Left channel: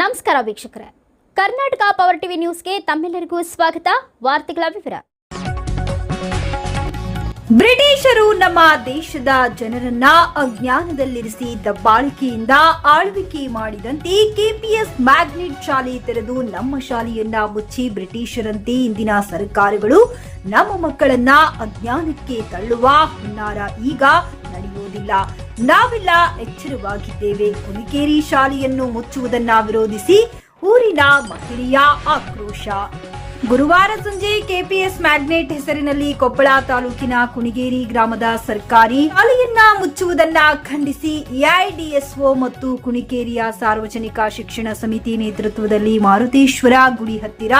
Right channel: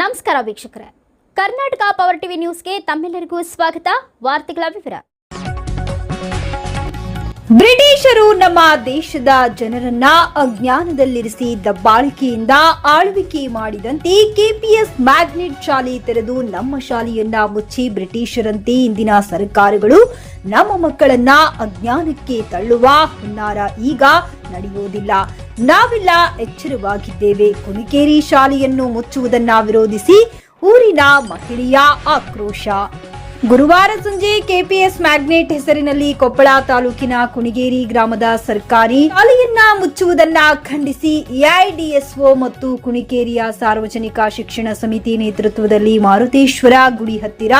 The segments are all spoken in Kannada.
ನಮಸ್ಕಾರ ವೀಕ್ಷಕರೇ, ಕರ್ನಾಟಕ ಪವರ್ ಟಿವಿ ನ್ಯೂಸ್ಗೆ ತಮ್ಮೆಲ್ಲರಿಗೂ ಸ್ವಾಗತ. ವಾರ್ತೆಗಳ ವಿವರ. ಬ್ರಿಟಿಷರು ನಮ್ಮ ದೇಶದ ಜನರನ್ನ ಅಜ್ಞಾನದಲ್ಲಿರಿಸಿ ದಬ್ಬಾಳಿಕೆಯಿಂದ ಆಳ್ವಿಕೆ ಮಾಡಿದಂತೆ ಕೆಪಿಎಸ್ ಮ್ಯಾಗ್ನೆಟ್ ಶಾಲೆ ತೆರೆದು ನಮ್ಮ ಶಾಲೆಯನ್ನ ಮುಚ್ಚಿ ಬ್ರಿಟಿಷರಂತೆ ಇಂದಿನ ಸರ್ಕಾರಗಳು ನಮ್ಮ ಮಕ್ಕಳನ್ನ ಅಜ್ಞಾನಕ್ಕೆ ತಳ್ಳುವ ಹುನ್ನಾರ ಈಗ ನಡೆಯುವುದಿಲ್ಲ. ನಾವೆಲ್ಲ ಎಚ್ಚರವಾಗಿದ್ದೇವೆ. ಕುಣಿಕೇರಿ ಶಾಲೆಯನ್ನು ಮುಚ್ಚುವುದನ್ನ ವಿರೋಧಿಸಿ ಊರಿನ ಮಹಿಳೆಯ ಆಕ್ರೋಶ. ಗುರುವಾರ ಸಂಜೆ ಕೆಪಿಎಸ್ ಮ್ಯಾಗ್ನೆಟ್ ಹೆಸರಿನಲ್ಲಿ ಕೊಪ್ಪಳ ತಾಲೂಕಿನ ಕುಣಿಗೇರಿ ಗ್ರಾಮದ ಸರ್ಕಾರಿ ಶಾಲೆಯನ್ನ ಮುಚ್ಚುವುದನ್ನ ಖಂಡಿಸಿ ಎಐಡಿಎಸ್ಒ ಮತ್ತು ಕುಣಿಕೇರಿಯ ಸಾರ್ವಜನಿಕ ಶಿಕ್ಷಣ ಸಮಿತಿ ನೇತೃತ್ವದಲ್ಲಿ ಮಾರುತೇಶ್ವರ ಗುಡಿ ಹತ್ತಿರ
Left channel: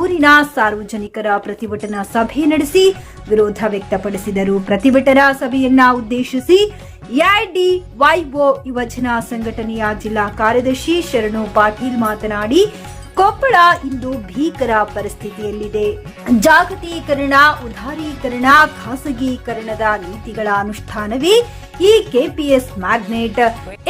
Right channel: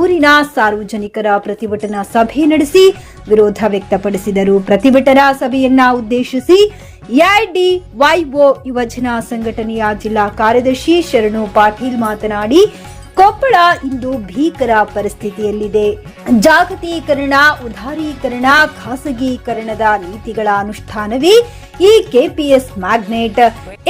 ಊರಿನ ಸಾರ್ವಜನಿಕರ ಪ್ರತಿಭಟನಾ ಸಭೆ ನಡೆಸಿ ವಿರೋಧ ವ್ಯಕ್ತಪಡಿಸಿದರು. ಪ್ರತಿಭಟನಾ ಸಭೆಯನ್ನ ಉದ್ದೇಶಿಸಿ ಎಐಡಿವೈಒ ಯುವಜನ ಸಂಘಟನೆಯ ಜಿಲ್ಲಾ ಕಾರ್ಯದರ್ಶಿ ಶರಣು ಪಾಟೀಲ್ ಮಾತನಾಡಿ, ಕೊಪ್ಪಳ ಇಂದು ಭೀಕರ ಪರಿಸ್ಥಿತಿಯಲ್ಲಿದೆ. ಜಾಗತೀಕರಣ, ಉದಾರೀಕರಣ, ಖಾಸಗೀಕರಣದ ನೀತಿಗಳ ಅನುಷ್ಠಾನವೇ ಈ ಕೆಪಿಎಸ್ ಮ್ಯಾಗ್ನೆಟ್.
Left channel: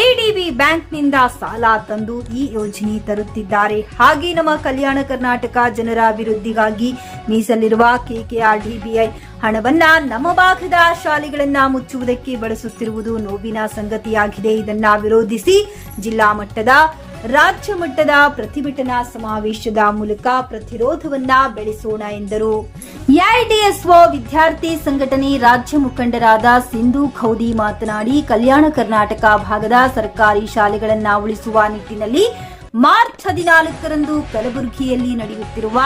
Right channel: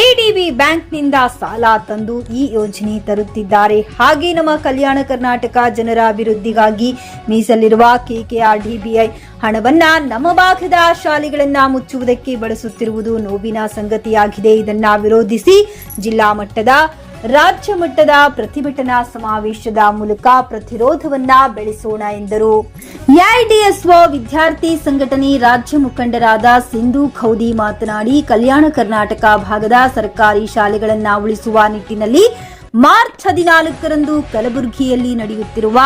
ಎಡಿಬಿ ಬ್ಯಾಂಕ್ನಿಂದ ಸಾಲ ತಂದು ಈ ಯೋಜನೆ ತರುತ್ತಿದ್ದಾರೆ. ಹಾಗೆ ನಮ್ಮ ಕಲ್ಯಾಣ ಕರ್ನಾಟಕ ಜನರ ಅಭಿವೃದ್ಧಿಗಾಗಿ ಮೀಸಲಿರುವ ಕೆಕೆಆರ್ಡಿಬಿಐ ಹಣವನ್ನ ನಮ್ಮ ಭಾಗದ ಶಾಲೆಗಳನ್ನ ಮುಚ್ಚುವುದಕ್ಕೆ ಬಳಸುತ್ತಿರುವುದು ನೋವಿನ ಸಂಗತಿಯಾಗಿದೆ. ಇದನ್ನ ವಿರೋಧಿಸಿ ಜಿಲ್ಲಾ ಮಟ್ಟದ, ರಾಜ್ಯ ಮಟ್ಟದ ಪ್ರತಿಭಟನಾ ಸಮಾವೇಶದ ಮೂಲಕ ಪ್ರತಿರೋಧವನ್ನ ಬೆಳೆಸೋಣ ಎಂದರು. ಎಐಡಿಎಸ್ಒ ವಿದ್ಯಾರ್ಥಿ ಸಂಘಟನೆ ರಾಜ್ಯ ಮುಖಂಡರಾದ ಸಿಂಧು ಖೌದಿ ಮಾತನಾಡಿ, ಕಲ್ಯಾಣ ಕರ್ನಾಟಕ ಭಾಗದ ಸರ್ಕಾರಿ ಶಾಲೆಗಳನ್ನ ಉಳಿಸುವ ನಿಟ್ಟಿನಲ್ಲಿ ಮಾರ್ಚ್ 14ರಂದು ಕಲಬುರಗಿಯಲ್ಲಿ ನಡೆಯುತ್ತಿರುವ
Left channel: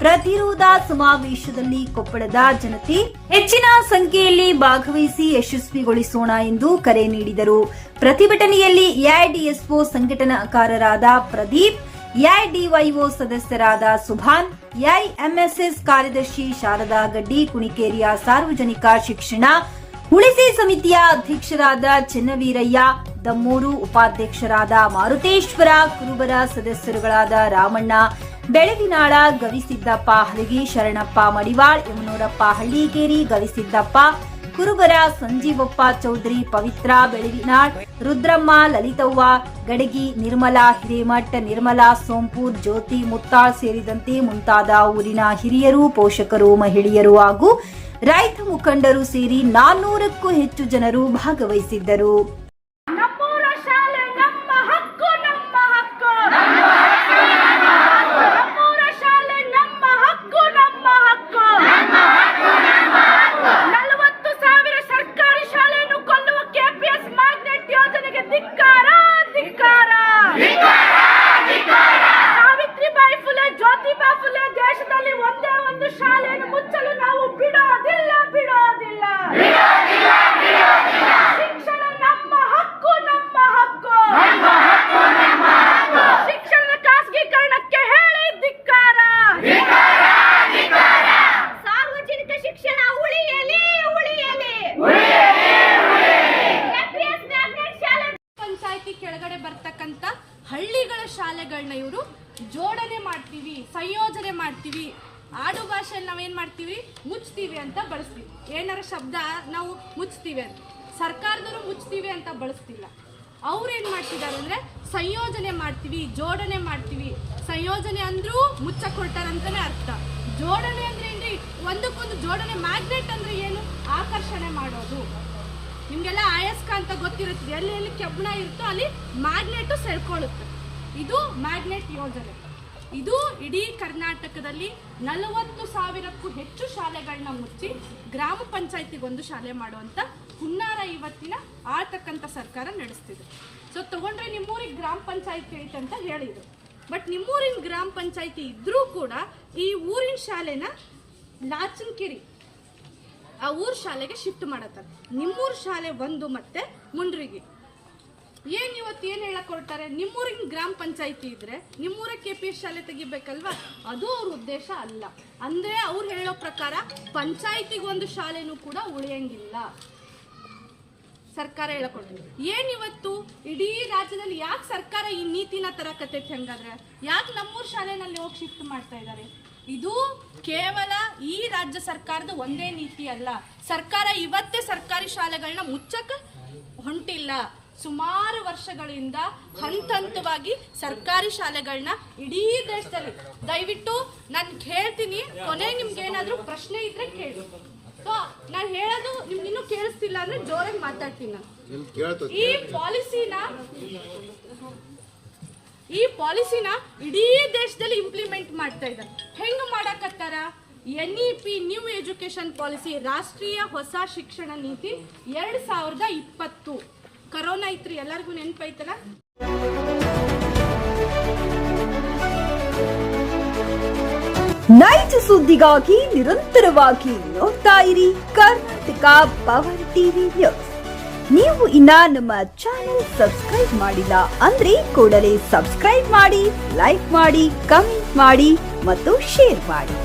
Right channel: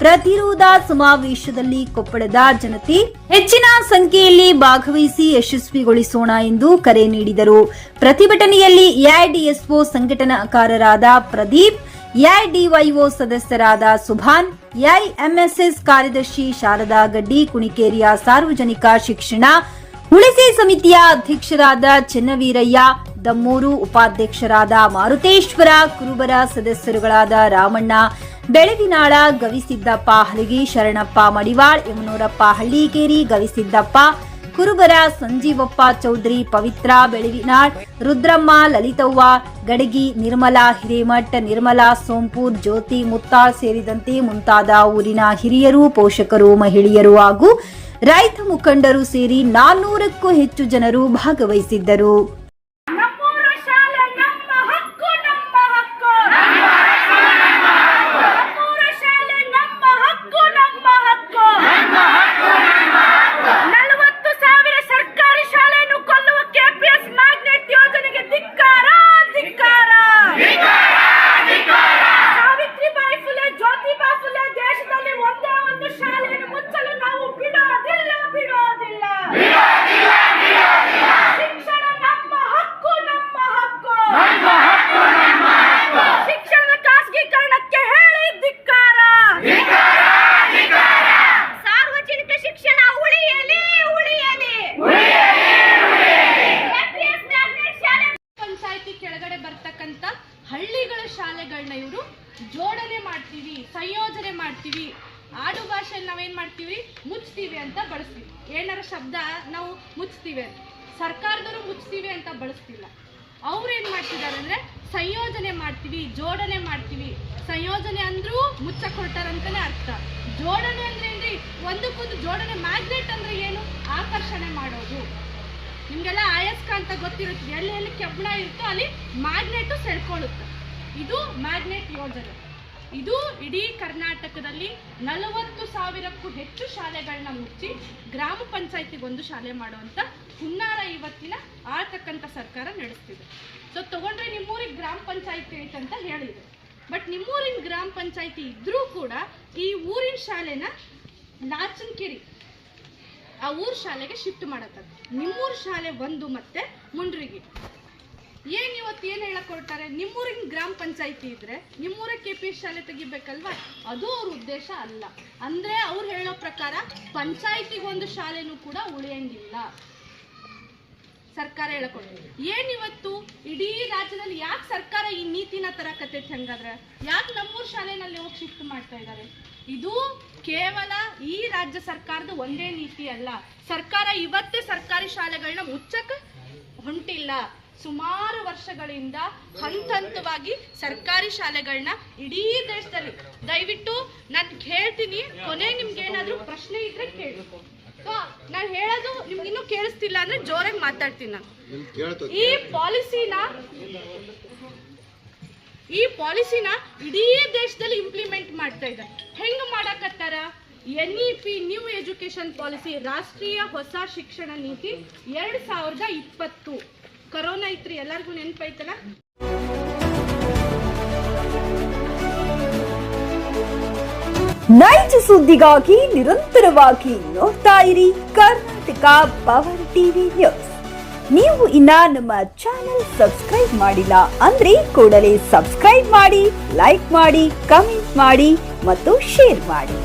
ಪ್ರತಿರೋಧ ಸಮಾವೇಶದಲ್ಲಿ ಕೊಪ್ಪಳದ ಜನತೆ ಹೆಚ್ಚಿನ ಸಂಖ್ಯೆಯಲ್ಲಿ ಭಾಗವಹಿಸಿ ಯಶಸ್ವಿಗೊಳಿಸೋಣ ಎಂದು ಕರೆ ನೀಡಿದರು. ಪ್ರತಿಭಟನೆಯಲ್ಲಿ ಎಐಡಿಎಸ್ಒ ಸಂಘಟನಾಕಾರರಾದ ಪ್ರದೀಪ್, ಎಐಡಿವೈಒ ಸದಸ್ಯರಾದ ಸುಭಾನ್, ಎಐಎಂಎಸ್ಎಸ್ ಕಾರ್ಯದರ್ಶಿ ಶಾರದಾ ಗಡ್ಡಿ, ಕುಣಿಕೇರಿಯ ಸಾರ್ವಜನಿಕ ಶಿಕ್ಷಣ ಉಳಿಸಿ ಸಮಿತಿಯ ಅಧ್ಯಕ್ಷರಾದ ಚೆನ್ನವೀರಯ್ಯ, ದಮ್ಮೂರು ಉಪಾಧ್ಯಕ್ಷರಾದ ಮಾರುತೇಶ್ವರ, ಕುರುಬರ ಸದಸ್ಯರುಗಳಾದ ರಾಮಣ್ಣ, ಬೆಳಗಿನಾಳ, ಗವಿಸಿದ್ದಪ್ಪ ಹಲಗಿ, ಶರಣಪ್ಪ ಮಡಿವಾಳ್, ಯಮನೂರಪ್ಪ ಹಳ್ಳಿಕೇರಿ, ಗವಿಸಿದ್ದಪ್ಪ, ಕುರುಬರ ಸಂಜೀವಪ್ಪ ಚೌಧರಿ, ಪವಿತ್ರ ಬೆಳಗಿನಾಳ್, ರುದ್ರಮ್ಮ, ಲಲಿತವ್ವ ಗಡಗಿ, ನಿರ್ಮಲಾ ಹಿರೇಮಠ್, ನಿರ್ಮಲಾ ಸೋಂಪೂರ್, ಜ್ಯೋತಿ ಮುತ್ತಾಳ್ ಸೇರಿದಂತೆ ಮುಂತಾದ ಊರಿನ ಹಿರಿಯರು, ಪೋಷಕರು, ಮಹಿಳೆಯರು ಹಾಗೂ ರೈತ ಮುಖಂಡರು ಸೇರಿ 400ಕ್ಕೂ ಹೆಚ್ಚು ಜನರು ಭಾಗವಹಿಸಿದ್ದರು. ಕೆಳಗಡೆ ಬರ್ತಕ್ಕಂಥ ಹಳ್ಳಿಗಳ ಶಾಲೆಗಳನ್ನ ಇವರು ಜೋಡಣೆ ಮಾಡ್ತೀವಿ, ಸಂಯೋಜನೆ ಮಾಡ್ತೀವಿ, ಆಡು ಭಾಷೆಯಲ್ಲಿ ನಾವೇನ್ ಮಾಡ್ತೀವಿ, ಮುಚ್ತೀವಿ ಅಂತ ಬಳಸ್ತೀವಿ. ಏನಾರ ಶಬ್ದ ನಾವು ಮುಚ್ತೀವಿ ಅಂತ, ಸರ್ಕಾರದವರು ಮುಚ್ತೀವಿ ಅಂತ ಬಳಸ್ತಿಲ್ಲ. ಅವ್ರೇನ್ ಮಾಡ್ತಿದ್ದಾರೆ ಅಂದ್ರೆ ಸಂಯೋಜನೆ ಮಾಡ್ತೀವಿ, ಜೋಡಣೆ ಮಾಡ್ತೀವಿ. ಸಂಯೋಜನೆ ಅಂದ್ರೂ ಮುಚ್ಚಕ್ ಹೊರಟಾರಂತಾನೆ ಅರ್ಥ. ಜೋಡಣೆ ಅಂದ್ರೆ ಏನ್ರಿ, ಒಂದಕ್ಕೊಂದು ಜೋಡಣೆ. ಮ್ಯಾಗ್ನೆಟ್ ಅಂದ್ರೆ ಏನು, ಆಕರ್ಷಣೆ ಮಾಡೋದು. ನಿಮ್ಗೆಲ್ಲ ಅಯಸ್ಕಾಂತ ಗೊತ್ತಿರುತ್ತೆ, ಎಲ್ಲಿ ಎಲ್ಲಿ ಕೆಬ್ಬಣ ಇರುತ್ತೋ ಅಲ್ಲಿ ಮ್ಯಾಗ್ನೆಟ್ ಸೆಳ್ಕೊಳ್ಳುತ್ತೆ. ಇದು ಮ್ಯಾಗ್ನೆಟ್ ಯೋಜನೆ. ಇದು ಇಡೀ ಕರ್ನಾಟಕದಲ್ಲಿ 40,000ಕ್ಕೂ ಹೆಚ್ಚು ಶಾಲೆಗಳನ್ನ ಮುಚ್ಚಿ ಗ್ರಾಮ ಪಂಚಾಯತಿಗೊಂದು ಶಾಲೆ ಮಾಡುವಂತ ಹುನ್ನಾರ ಇವತ್ತಿನ ಆಳ್ತಕ್ಕಂಥ ಸರ್ಕಾರ ನಡೆಸ್ತಿದೆ. ಸೊ ತಗೊಂಡ್ರೆ ನಿಮ್ಮೂರಿಗೆ ಗ್ರಾಮ ಪಂಚಾಯತಿ ಐತೆ ಅಂತ ಹೇಳಿದ್ರು. ಬಟ್ ನಿಮ್ಮೂರಿನ ಗ್ರಾಮ ಪಂಚಾಯತಿ ಇದ್ರೂ ಕೂಡ ಈ ಊರಿನ ಶಾಲೆನ ನಾಚನಕೆರೆ ಆ ಊರ್ ಶಾಲೆಗೆ ಶಿಫ್ಟ್ ಮಾಡತ್ತಾರೆ. ನಿಮ್ಮೂರ್ ಶಾಲೆ ಒಂದು ಮತ್ತೆ ಮುಂಡ್ರಿಗೆ. ಇವತ್ತು ಏನು ಹೇಳಕ್ ಹೊರಟಾರೆ, ನಿಮ್ಮೂರಿನ ಗ್ರಾಮ ಪಂಚಾಯತಿ ಇದ್ರೆ ನಿಮ್ಮೂರ ಕೆಪಿಎಸ್ ಶಾಲೆ ತೆಗಿಬೇಕಲ್ವಾ, ಅದು ಅವ್ರ ಉದ್ದೇಶ ಅಲ್ಲ. ಅಂದ್ರೆ ಅವ್ರು ಹೇಳೋ ಪ್ರಕಾರ ಪಂಚಾಯತಿಗೊಂದು ಶಾಲೆನೂ ಕೂಡ ಉಳಿಯಂಗಿಲ್ಲ. ಸರ್ಕಾರ ಹೇಳಕೊಟ್ಟಿದೆ. ಇವತ್ತು ಇಡೀ ರಾಜ್ಯದಲ್ಲಿ ಯಾಕೆ ಸರ್ಕಾರ ಈ ನೀತಿನ ತರಕತ್ತೈತಿ? ಹಂಗಾದ್ರೆ ಯಾಕೆ ನಮ್ಮೂರ್ ಶಾಲೆನಲ್ಲಿ ಹೋಗಿ ಶಿಫ್ಟ್ ಮಾಡ್ತಾ ಇದ್ದಾರೆ? ಇದು ಕೇವಲ ಈ ರಾಜ್ಯ ಸರ್ಕಾರದ ಒಂದೇ ನೀತಿ ಅಲ್ಲ. ಸರ್ಕಾರ ಇವತ್ತೇ ಸರ್ಕಾರಿ ಶಾಲೆಗಳನ್ನ ಮುಚ್ಚಕ ಹೊಂಟಿಲ್ಲ. ಸುಮಾರು ವರ್ಷಗಳಿಂದ ಹಂತ ಹಂತವಾಗಿ ಸರ್ಕಾರಿ ಶಾಲೆಗಳನ್ನ ಇಡೀ ದೇಶದಲ್ಲಿ, ದಯವಿಟ್ಟು ನಾನು ಹೇಳ್ತೀನಿ, ಕೊನೆ ನಿಮ್ಗೆ ಏನಾದರೂ ಪ್ರಶ್ನೆ ಇದ್ರೆ ಕೇಳಿ. ನಾನು ಹೇಳೋದು ನಿಮ್ಗೆ ಇನ್ನೂ ಕೇಳಿಸ್ತಿಲ್ಲ ಅಂದ್ರೆ ಜೋರಾಗಿ ಮಾತಾಡ್ತೀನಿ ನಾನು. ಈ ಪಾಲಿಸಿನ ಇಡೀ ದೇಶದಲ್ಲಿ ಇಂಪ್ಲಿಮೆಂಟ್ ಮಾಡ್ತಾ ಇದ್ದಾರೆ. ಹೆಂಗ್ ಮಾಡಕತ್ತಾರ? NEP ನ್ಯೂ ಎಜುಕೇಶನ್ ಪಾಲಿಸಿ, ರಾಷ್ಟ್ರೀಯ ಹೊಸ ಶಿಕ್ಷಣ ನೀತಿ 2020. ಕರೋನಾ ಐತ್ರಿ, ಎಲ್ಲರಿಗೂ ನೆನಪೈತಲ್ಲ. ನೈಜ ಸುದ್ದಿಗಾಗಿ ನಿರಂತರವಾಗಿ ನೋಡ್ತಾ ಇರಿ ಕರ್ನಾಟಕ ಪವರ್ ಟಿವಿ ನ್ಯೂಸ್. ನೀವು ಇನ್ನ ನಮ್ಮ ಚಾನೆಲ್ ಸಬ್ಸ್ಕ್ರೈಬ್ ಮಾಡಿಲ್ಲ ಅಂದ್ರೆ ಕೂಡಲೇ ಸಬ್ಸ್ಕ್ರೈಬ್ ಮಾಡಿ, ಲೈಕ್ ಮಾಡಿ, ಕಮೆಂಟ್ ಮಾಡಿ ಮತ್ತು ಶೇರ್ ಮಾಡಿ.